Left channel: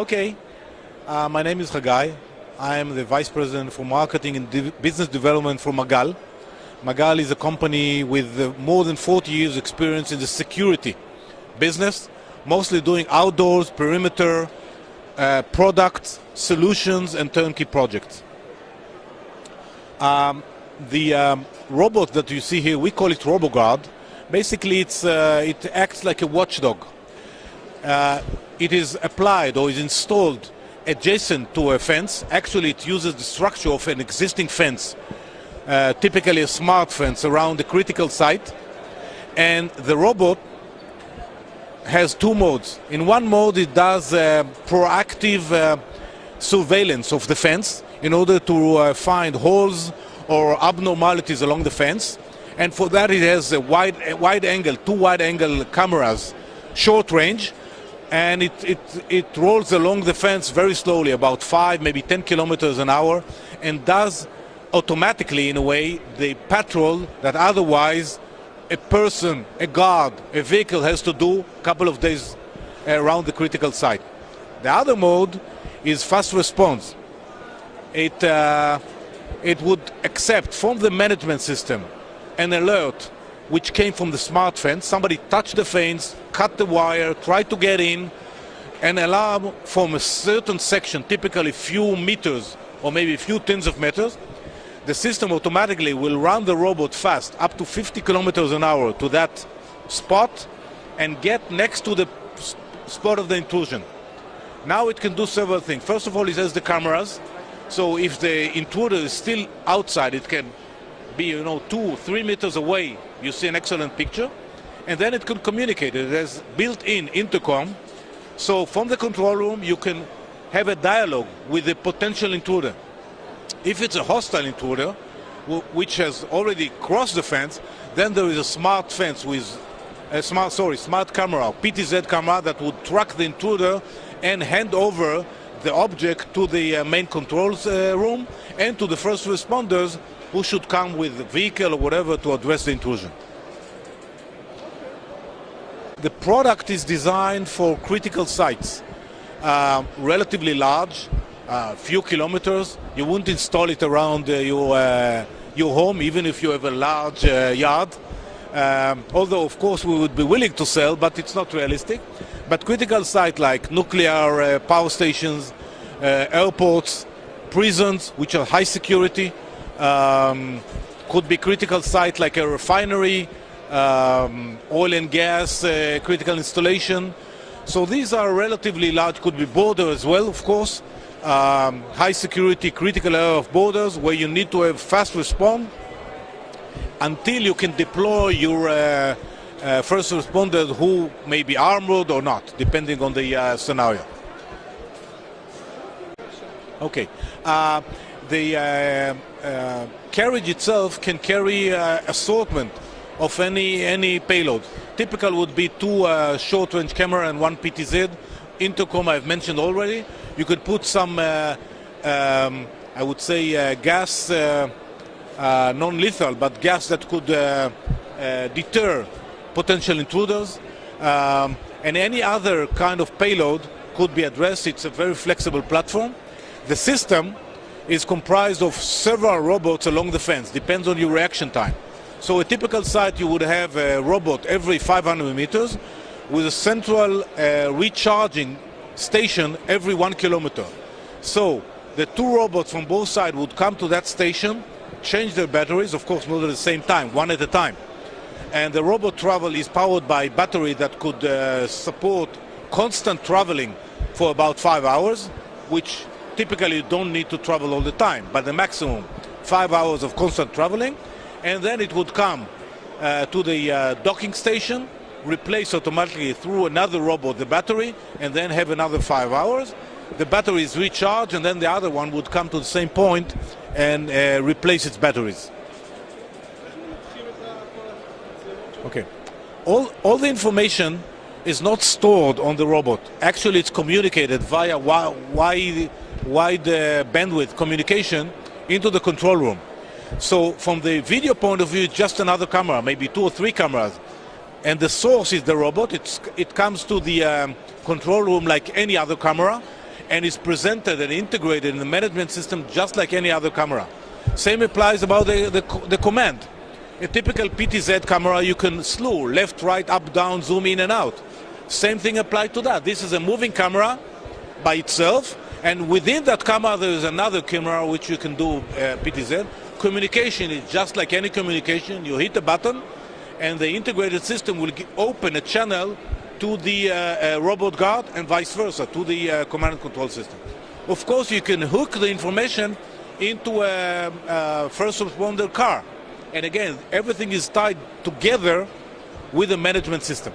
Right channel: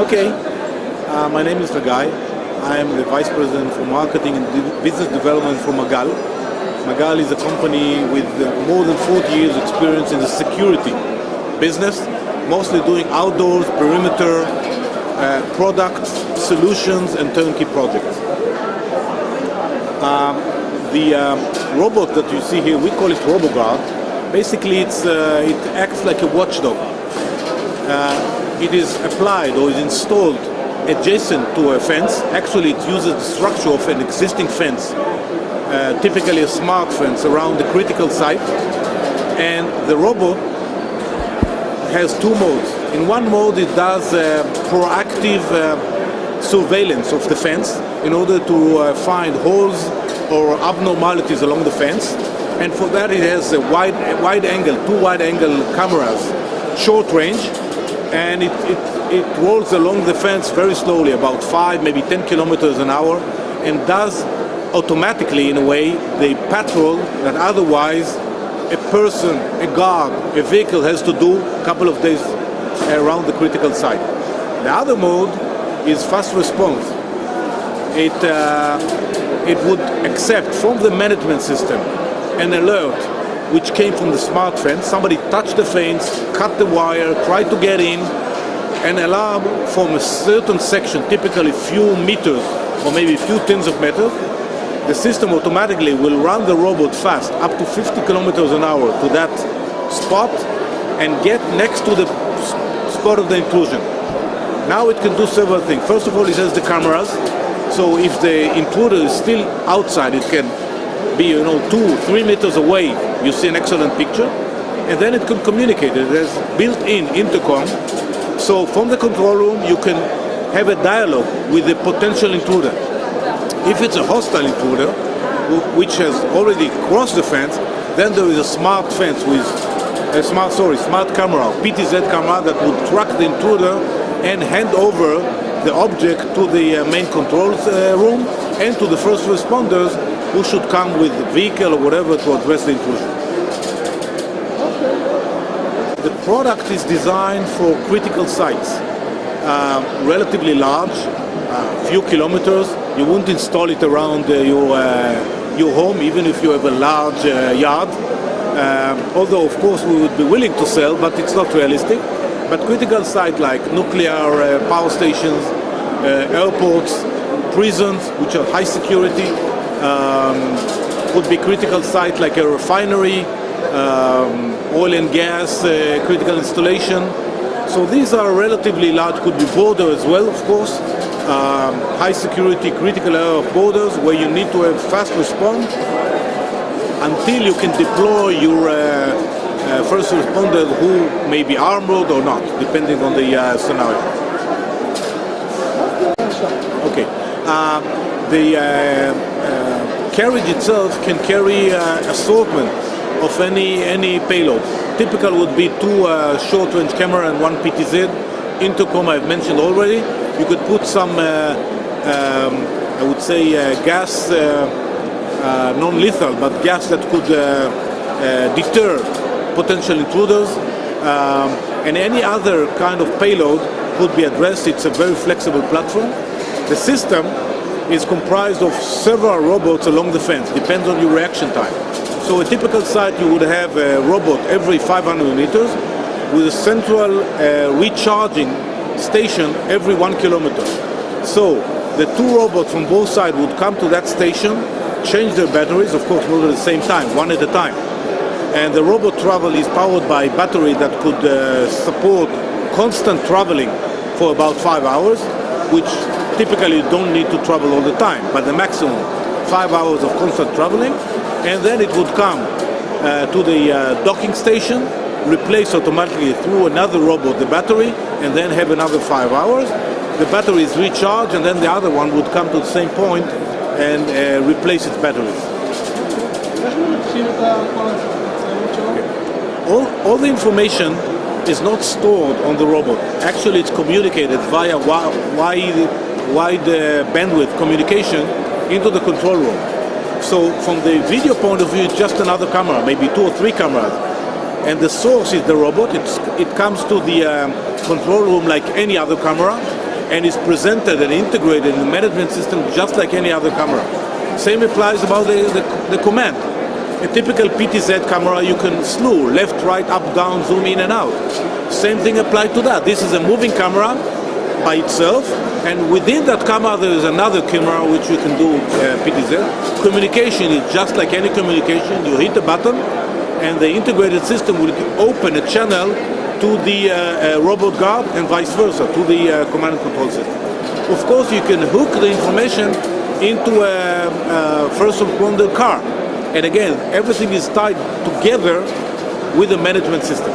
Okay, my name is Magal. I am the Vice President for Marketing and Business Development for Magal. Magal is a company with more than 40 years experience in the security business, mostly doing outdoors, perimeter, products, solutions, and turnkey projects. The robot that you see here, we call it RoboGuard. Basically, it acts like a watchdog. It is applied or is installed adjacent to a fence. Actually, it uses the structure of an existing fence, typically a smart fence around the critical site. And the robot has two modes. In one mode, it does proactive surveillance of the fence in order to find holes or abnormalities along the fence. And for that, it has a wide angle, two wide angle cameras, short range, and it rolls along the fence very slowly, about 5, maybe 10 kilometers an hour, and does automatically, in a way, the patrol that otherwise a person, a guard, a vehicle has to do a couple of days around the critical site. The other mode is fast response. It would accept from the management system an alert which came from the smart fence. Somebody touched the fence, cut the wire, tried to get in. An alarm from a certain section, typically a few meters or maybe a few tens of meters, the system automatically will run the robot fast, up to 50 kilometers an hour to that spot and get next to the spot of the intrusion. Now it can do several things. First of all, it has the cameras. So if the intruder is still outside, it can be 2-3 meters away. You see an excellent picture. And then it can communicate. It has built-in intercom. So from the control room, you can have a dialogue with the potential intruder. If it's a hostile intruder, which has already crossed the fence, then there is a smart fence with a smart camera, PTZ camera that would track the intruder and hand over the object to the main controls room and to the first responders who should come with the vehicle or whatever to address the intrusion. The product is designed for critical sites, relatively large, few kilometers. You wouldn't install it around your home, even if you have a large yard. Although, of course, we would be willing to sell, but it's not realistic. But critical sites like nuclear power stations, airports, prisons, which are high security, could be critical sites like a refinery, oil and gas, critical installation. So these are relatively large, could be border as well, of course. High security, critical area of borders where you need to have fast response until you can deploy your first responders who may be armored or not, depending on the scenario. Okay. The carriage itself can carry assortment of any payload. Typical would be 2 short-range camera and 1 PTZ. Intercom I've mentioned already. You could put some, I would say, gas, non-lethal, but gas that could deter potential intruders. And any other kind of payload could be addressed. It's a very flexible platform. The system is comprised of several robots along the fence, depends on your reaction time. So a typical site, you would have a robot every 500 meters with a central recharging station every 1 kilometer. So the 2 robots from both sides would come to that station, change their batteries, of course not at the same time, one at a time. And the robot travel is powered by battery that could support constant traveling for about 5 hours, which typically you don't need to travel all the time, but the maximum 5 hours of constant traveling. And then it would come to the docking station, replace automatically through another robot the battery, and then have another 5 hours. The battery is recharged, and then the other one would come to the same point and replace its batteries. Okay. All the information is not stored on the robot. Actually, it's communicated via wide bandwidth communication into the control room. So from the video point of view, it's just another camera, maybe 2 or 3 cameras. And the source is the robot. It comes to the control room like any other camera. and is presented and integrated in the management system just like any other camera. Same applies about the command. A typical PTZ camera, you can slew, left, right, up, down, zoom in and out. Same thing applied to that. This is a moving camera by itself, and within that camera there is another camera which you can do PTZ. Communication is just like any communication. You hit a button and the integrated system will open a channel to the RoboGuard and vice versa, to the command and control system. Of course, you can hook the information into a first responder car. And again, everything is tied together with the management system.